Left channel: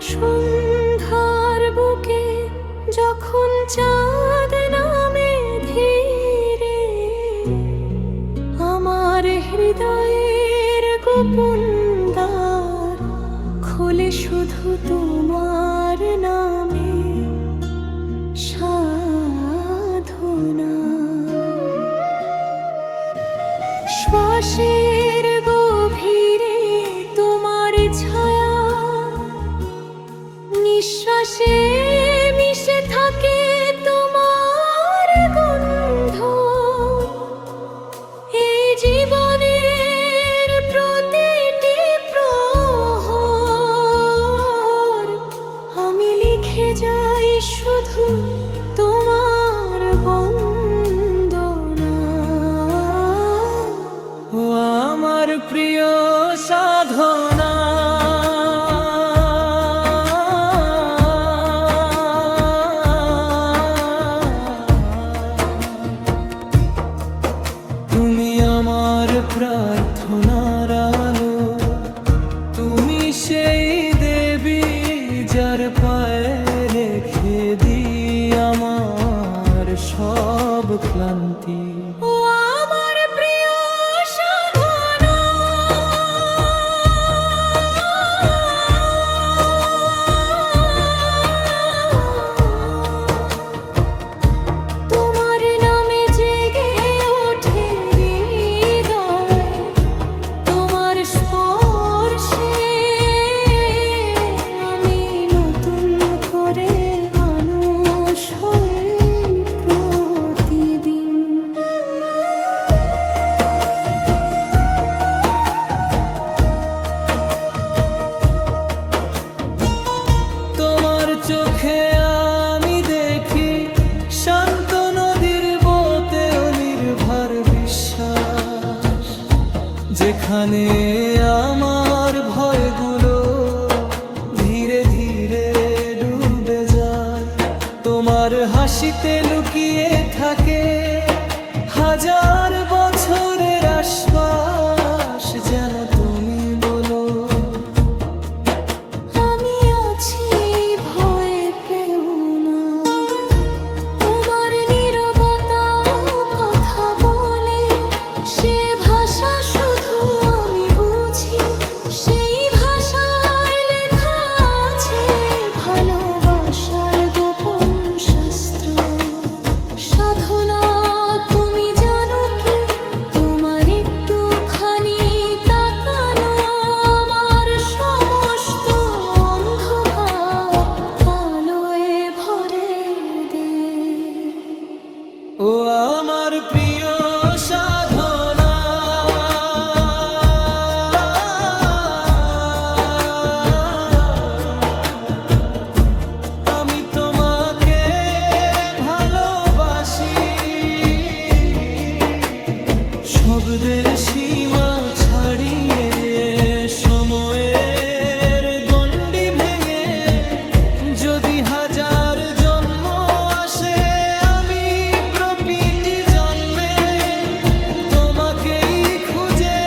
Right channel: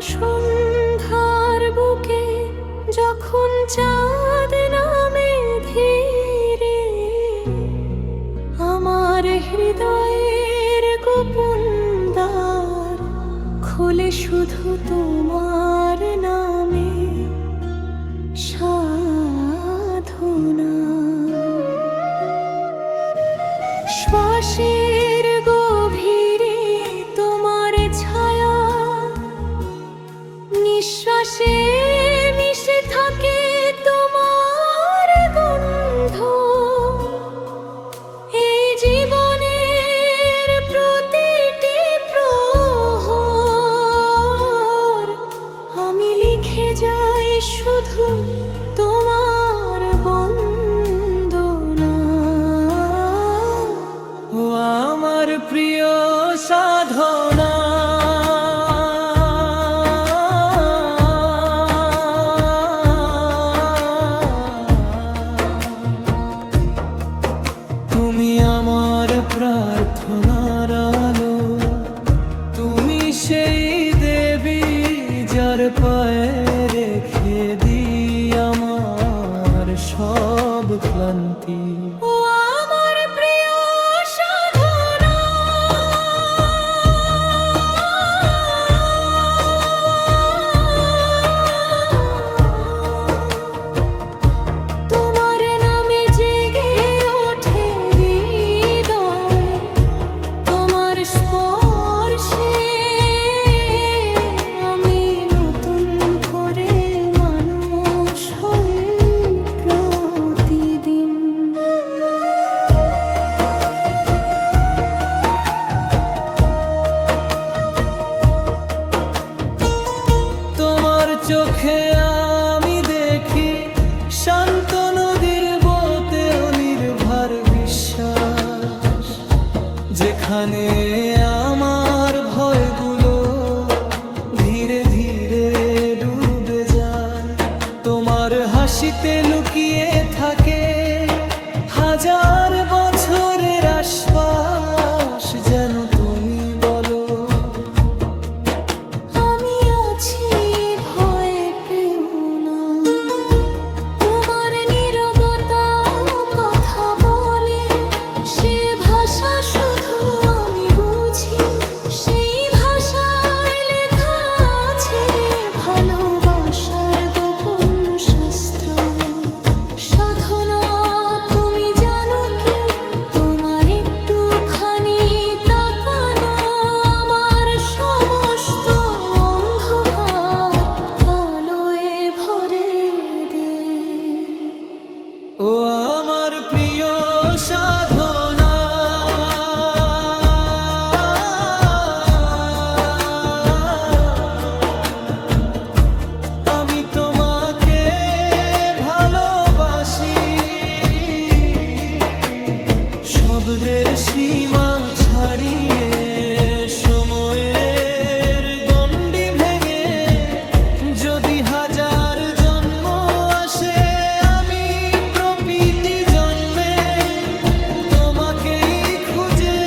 সন্ধ্যার বুকে যখন চাঁদ নামে ধীরে আমার হৃদয়ের গোপন দ্বার খোলে শুধু তোমার নামে। শুধু ক্লান্তি চোখে আমি দেখি শান্ত নদীর বতেও নির্ভর বিশ্বাস। যেখানে আমার ভয়গুলো ধীরে ধীরে ডুবে যায়। তোমার হাসিতে লুকিয়ে থাকে হাজার বছরের আশ্বাস যেন তুমি honey. শব্দের সীমা ছাড়িয়ে সময়ের গণ্ডি ভেঙে যদি হাজার জন্ম আসে, আমি প্রতিটি জন্মে তোমাকেই খুঁজে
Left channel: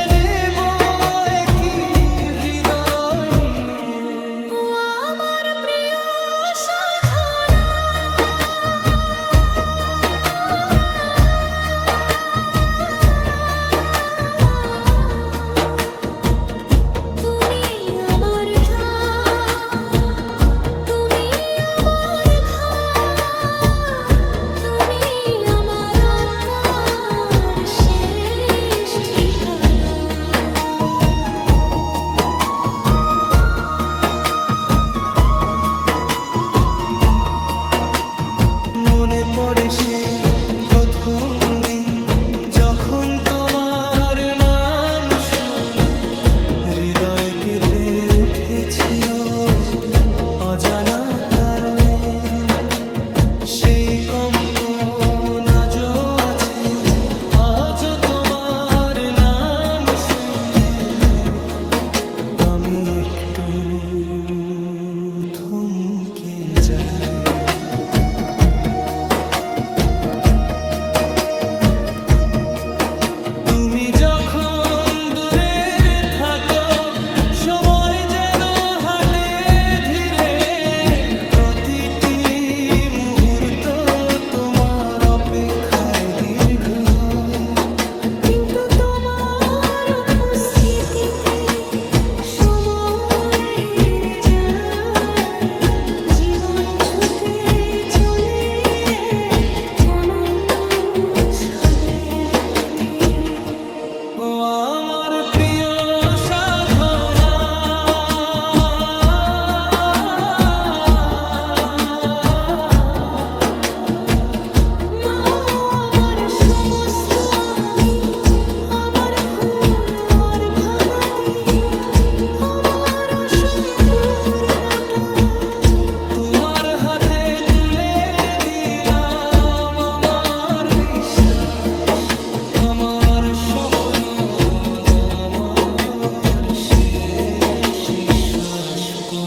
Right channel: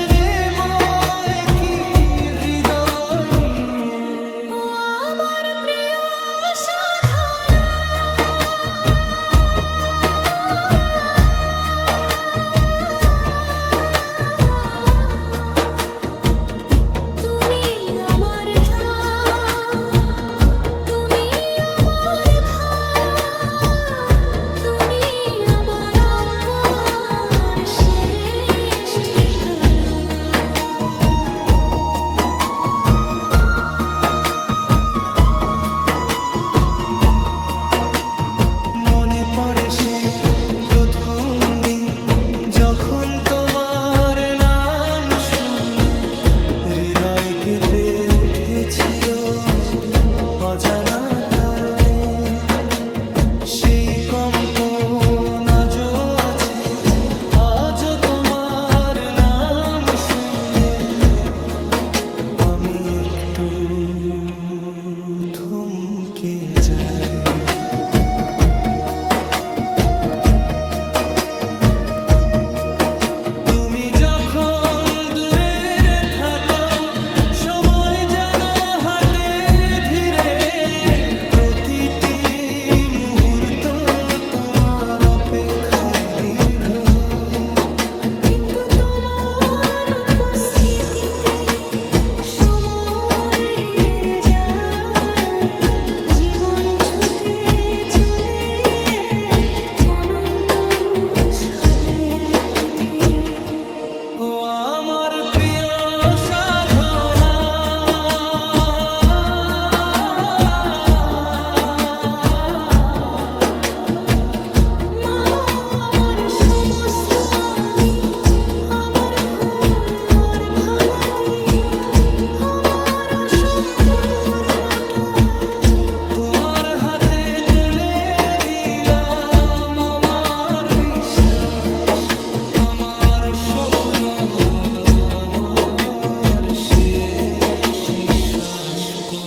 মনে পড়ে সেই প্রথম দিন, যখন তোমার নাম শুনে হৃদয় কেঁপে উঠেছিল অজানা কারণে। সেই কম্পন আজও আছে, আজও তোমার নাম শুনলে আমি একটু থমকে যাই। তুমি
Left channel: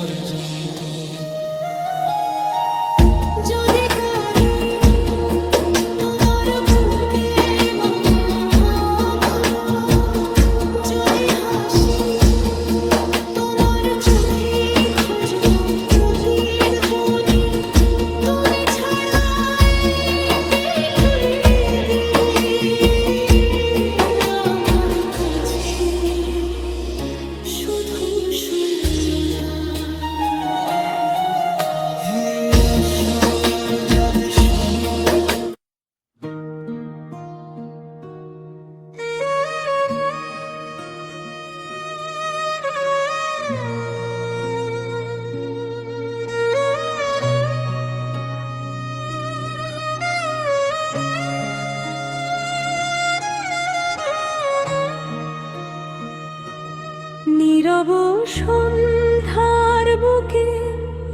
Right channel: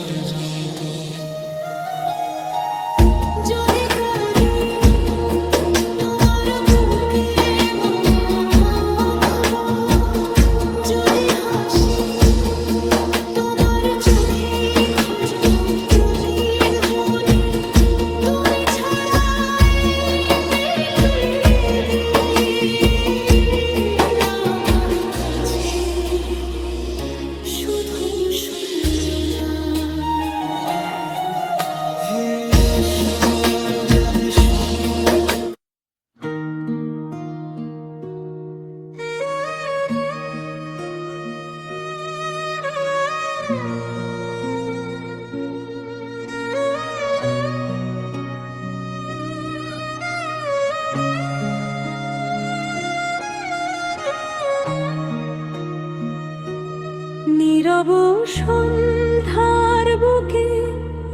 পর্যন্ত যদি কবি তোমার বুকে মম যদি হাসি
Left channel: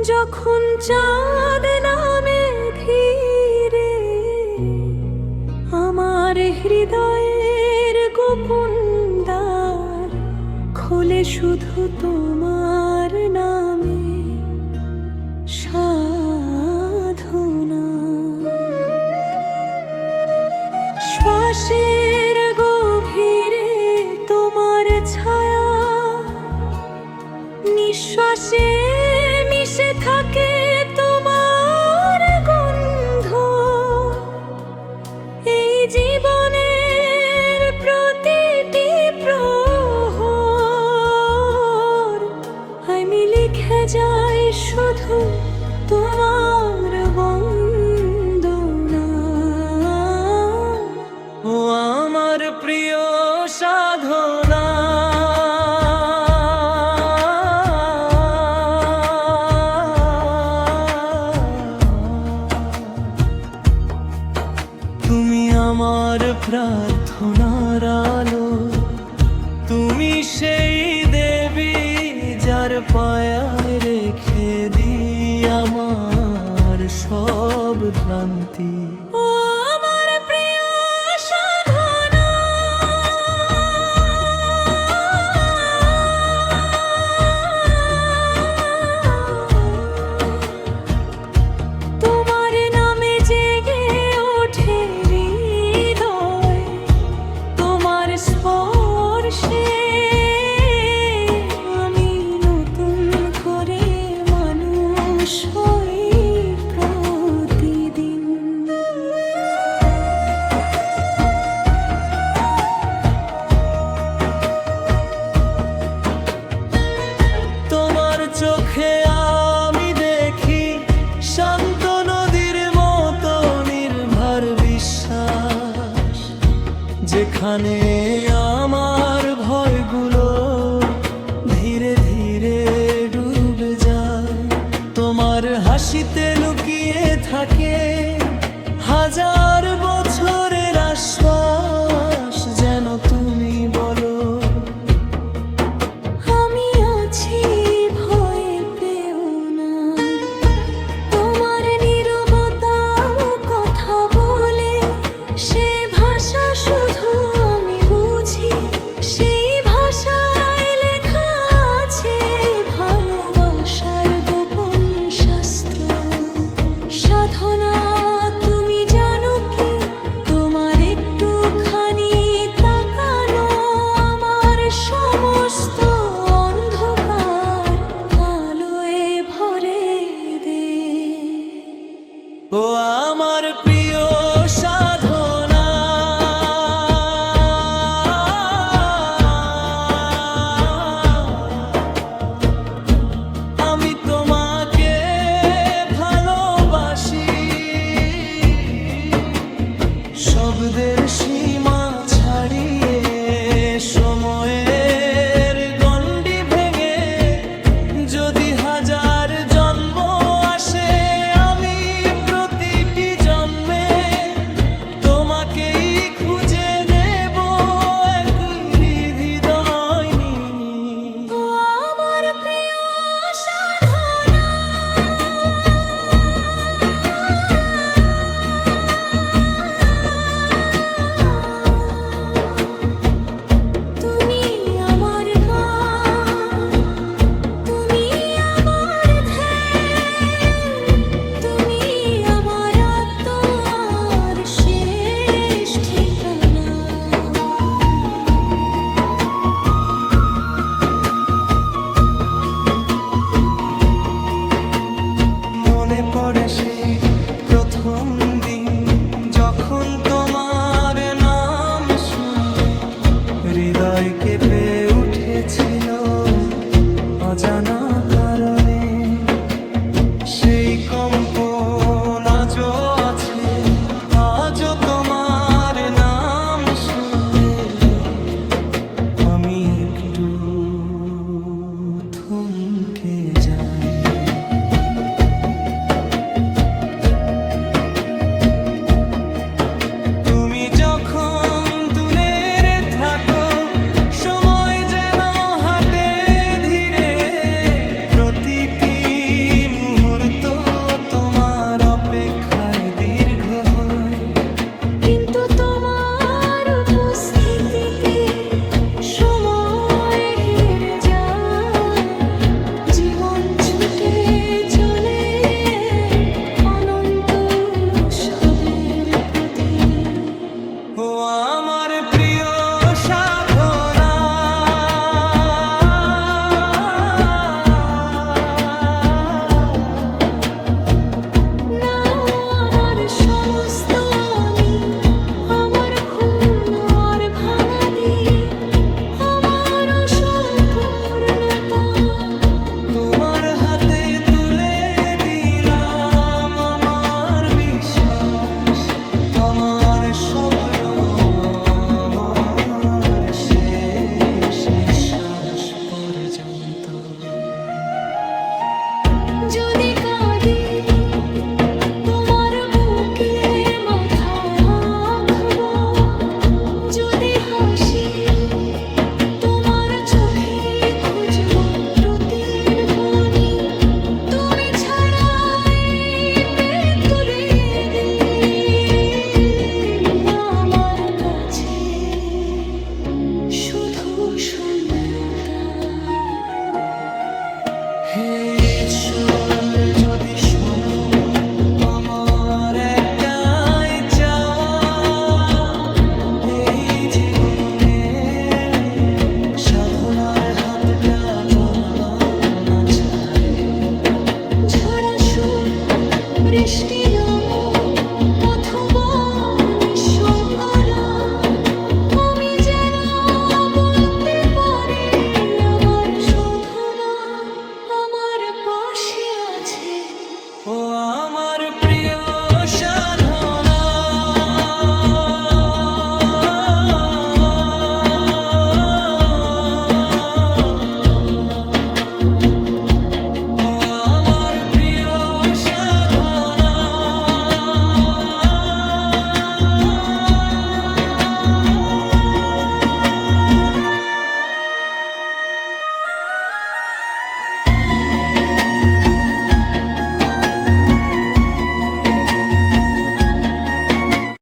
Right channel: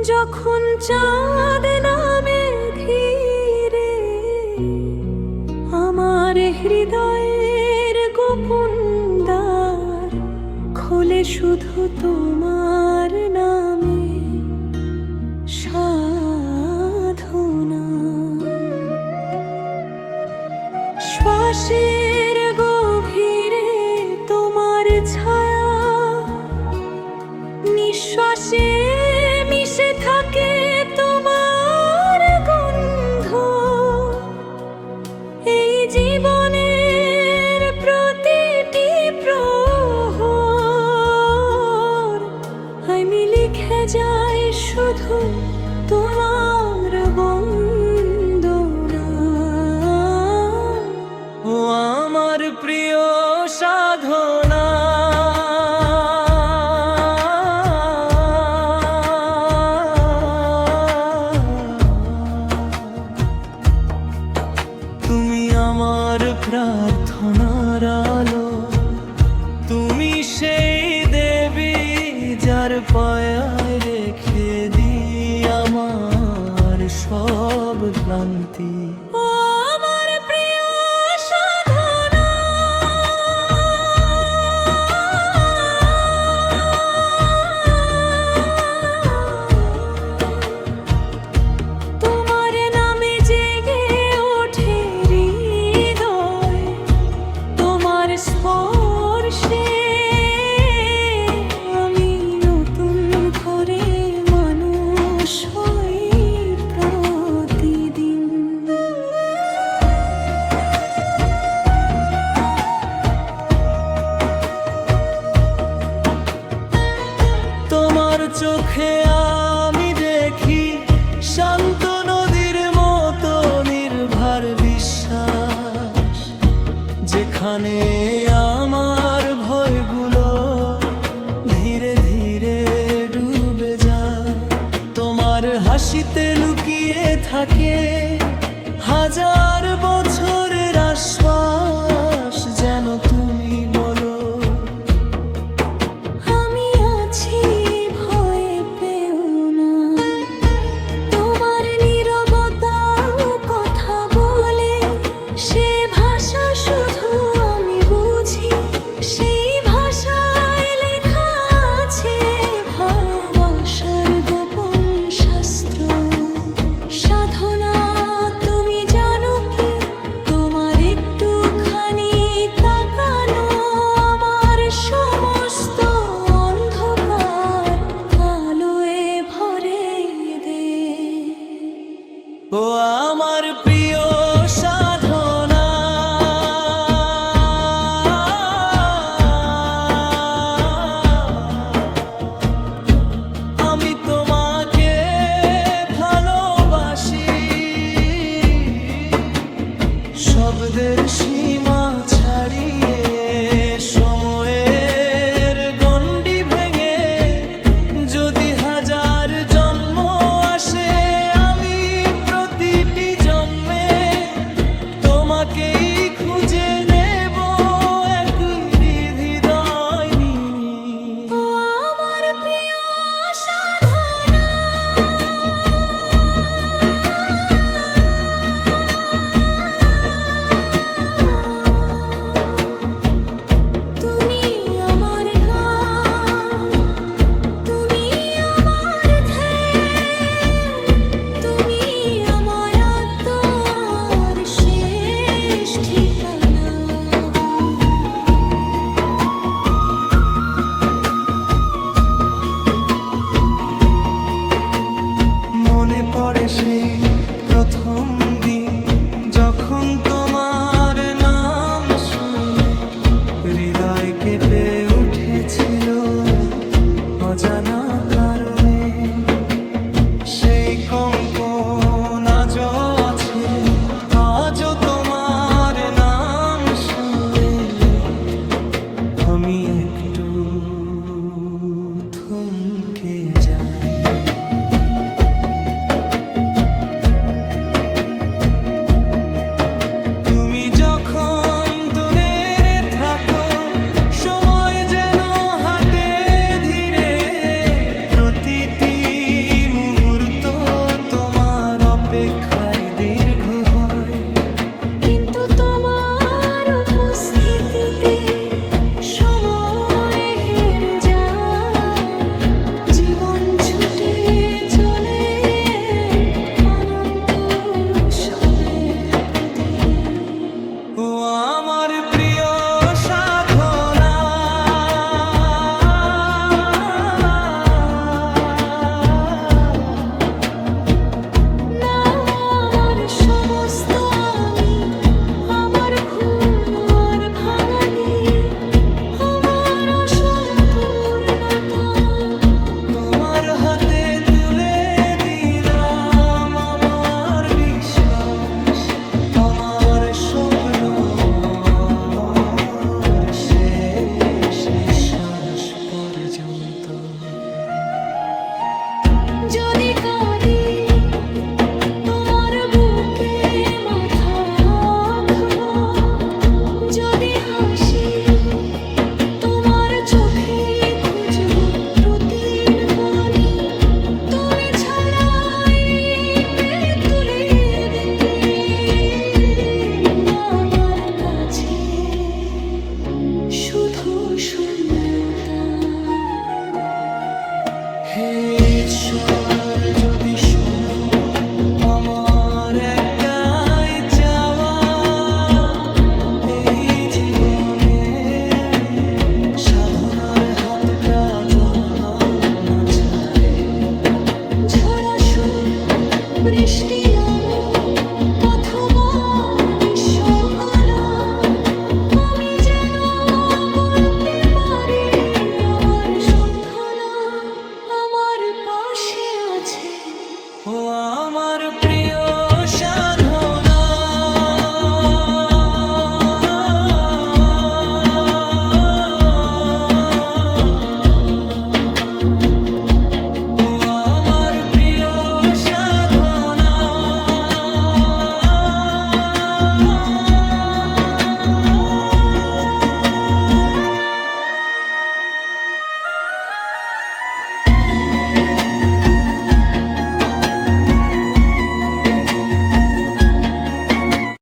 যখন চাঁদ নামে ধীরে আমার হৃদয়ের গোপন দ্বার খুলে শুধু তোমার নামে। আমার প্রার্থনার আলো তুমি সেই দেবী যার পায়ায় রেখে দি আমার সব ক্লান্তি। চোখে আমি দেখি শান্ত নদীর মতো নির্ভর বিশ্বাস। যেখানে আমার ভয়গুলো ধীরে ধীরে ডুবে যায়। তোমার হাসিতে লুকিয়ে থাকে হাজার বছরের আশ্বাস যেন তুমি বলো যখন তোমার নাম শুনে হৃদয় কেঁপে উঠেছিল অজানা কারণে, সেই কম্পন আজও আছে, আজও তোমার নাম শুনলে আমি একটু থমকে যাই তোমার হাতে তুলে দিলাম আমার বিশ্বাস, আমার স্বপ্ন, আমার শেষ নিঃশ্বাস পর্যন্ত। যদি কাঁদি তোমার বুকে মাথা রাখব যদি হাসি তোমার চোখে খুঁজবো সাধনার হাতটা জলা না ছাড়ে। ঝরা সুর বৃষ্টি নাম অথবা